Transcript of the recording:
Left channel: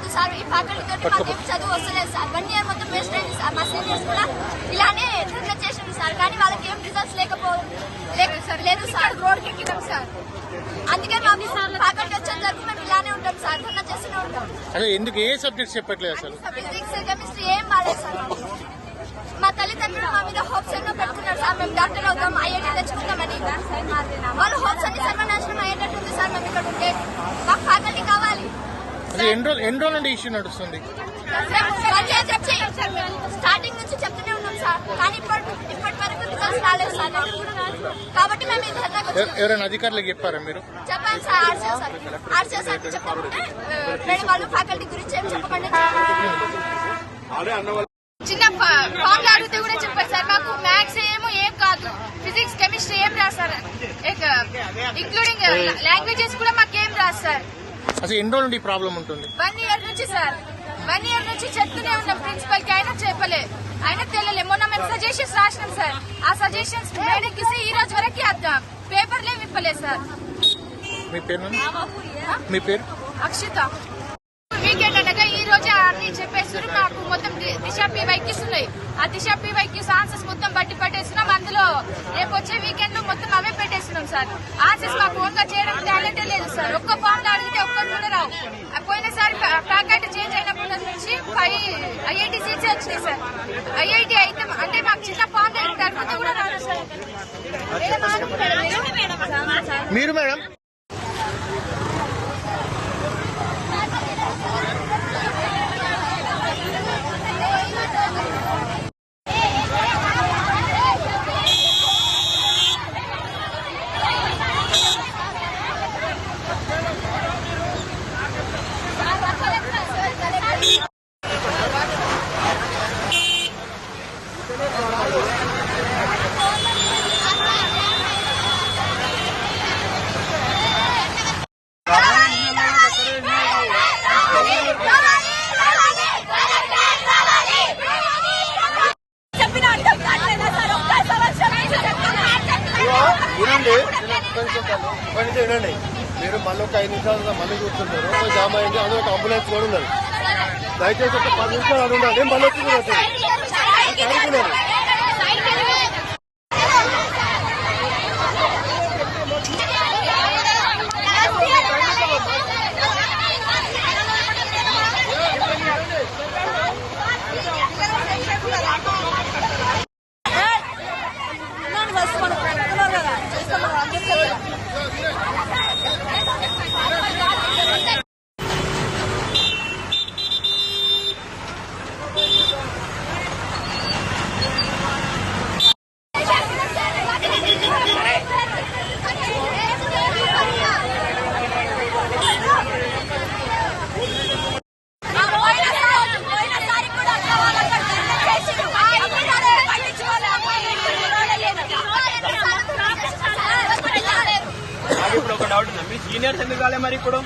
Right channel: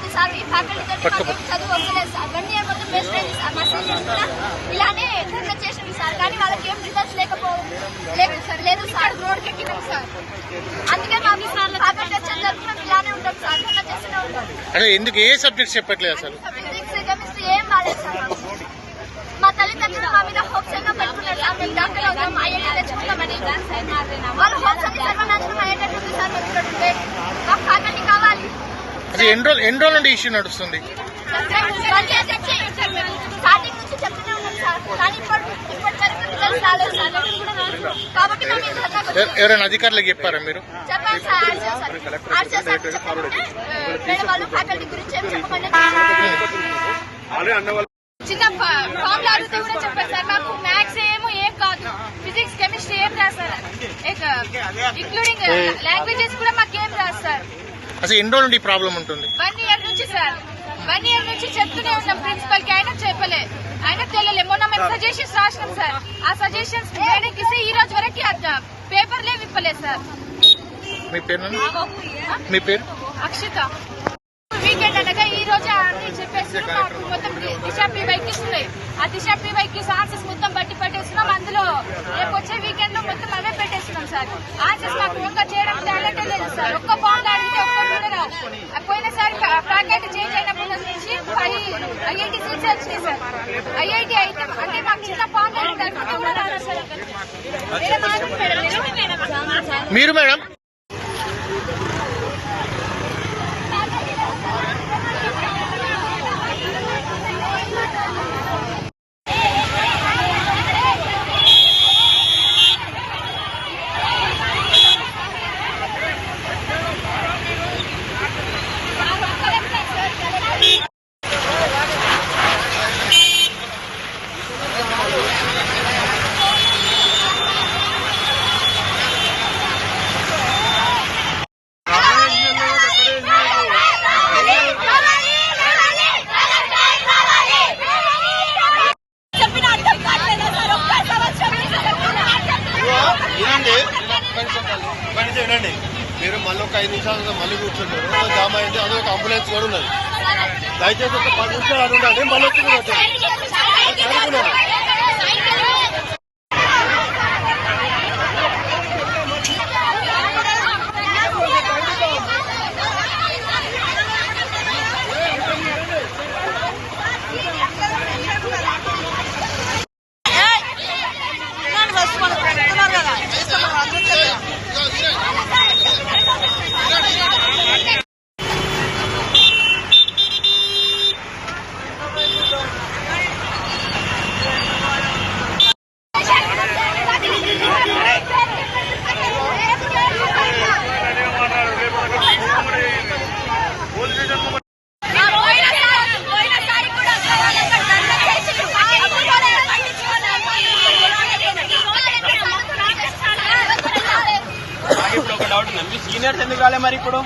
వద్దు సార్, ఈ ఫ్యాకల్టీ చదువు వస్తలేదు సార్. 1 year మొత్తం వేస్ట్ అయింది సార్. మా సీనియర్స్ కూడా ఇలానే ధర్నా చేసింది సార్, కానీ వాళ్ళకి ఏం రిజల్ట్స్ లేదు సార్. రోడ్కి ఎక్కినాం సార్. అందుకే మాకు ఫ్యాకల్టీ వచ్చేంత వరకు మేము ఇలానే ఉంటాం సార్, ధర్నా చేస్తూనే ఉంటాం. అదే ఎందుకు ఏ సబ్జెక్ట్స్ చెప్పట్లేదు అసలు? ఫిజిక్స్, కెమిస్ట్రీ ఏం బాలేదు సార్ మాకు. మా తల్లిదండ్రులు మా మీద హోప్స్ ఎన్నో పెట్టుకున్నారు సార్, మేము డాక్టర్ అవుతాం, ఐఐటీ తెచ్చుకుంటామని. వాళ్ళు హోప్స్ అన్ని సర్వనాశనం అయ్యేటట్టుంది సార్. మేము ఇక్కడ ఉంటే మాకు ఫ్యాకల్టీ కావాలి. అది ఎన్ని రోజుల నుండి ఇష్యూ నడుస్తుంది? స్టార్టింగ్ నుంచి చెప్తూనే ఉన్నాం సార్, కానీ ఇప్పటి వరకు రిజల్ట్స్ రాలేదు సార్. కాబట్టి మేము ఈ ధర్నా ఎవరైనా అధికారులకు చెప్పారా మీరు? చెప్పాలి సార్. ఆర్సీఎస్ చెప్పకుంటే వేరే వాళ్ళు ఫ్యాకల్టీ గురించి ఏం చెప్పకుండా చిన్న ఫామ్ అడిగితే కూడా చెప్పారు సార్. మాకు మ్యాథ్స్ ఏం కాదు, ఫిజిక్స్ కెమిస్ట్రీ ఏం రాస్తారు, ఇంక్లూడింగ్ లాంగ్వేజెస్ కూడా మాకేం రాదు సార్. అసలు ఎన్ని రోజుల నుండి ప్రాబ్లం ఉంటుంది? 1 year నుంచి సార్. 1 year నుంచి చెప్తూనే ఉన్నాం ప్రిన్సిపల్ కి, అయినా చెప్పలే, అయినా తెలియలే. మొన్న మేము సజెషన్స్ రాసినాం సార్. ఆ సజెషన్స్ మేడం ఇస్తే ఈ రోజు వరకు పేపర్లే విప్పలేదు సార్. మీ పేరు? మీ పేరు? అక్షిత. వీకెండ్ అనగా ఈ రోజే అన్ని చెప్పేసి మాకు మొత్తం దిశా పీవైకి ఉన్నాయి. ఆ దిశా పీవైకి ఆన్సర్స్ మొత్తం బట్టి పట్టేస్తున్నాం. అందులో రేపు వచ్చే వీకెండ్ లో మొత్తం అవే పెట్టేస్తున్నాం సార్. ఆన్సర్స్ మాకు ఒక్క చేయడం టాలెంటే లేదు సార్. ఒక్క బాండ్ అడిగితే ఒక్కరు కూడా రావు. పోయినసారి ఫ్యాకల్టీ చేంజ్ అయినప్పటి నుంచి ఐఐటీ సీట్స్ వచ్చినాయి సార్. ఐఐటీ అయితే అంటే మాకు చిన్న బాండ్ అడిగితే కూడా రాదు సార్. మీరు మేడం వినండి. మీరు మళ్ళీ ఒక 5 నిమిషాలుగా మళ్ళీ కూర్చుంటారు, జామ్ అయింది, అది ఒక అంబులెన్స్ కూడా ఉన్నది. దయచేసి ఒక 10 నిమిషాలు అడుగుండాలి, మళ్ళీ మీ సీనియర్స్ ఎందుకు కాలే మరి ఇప్పుడు?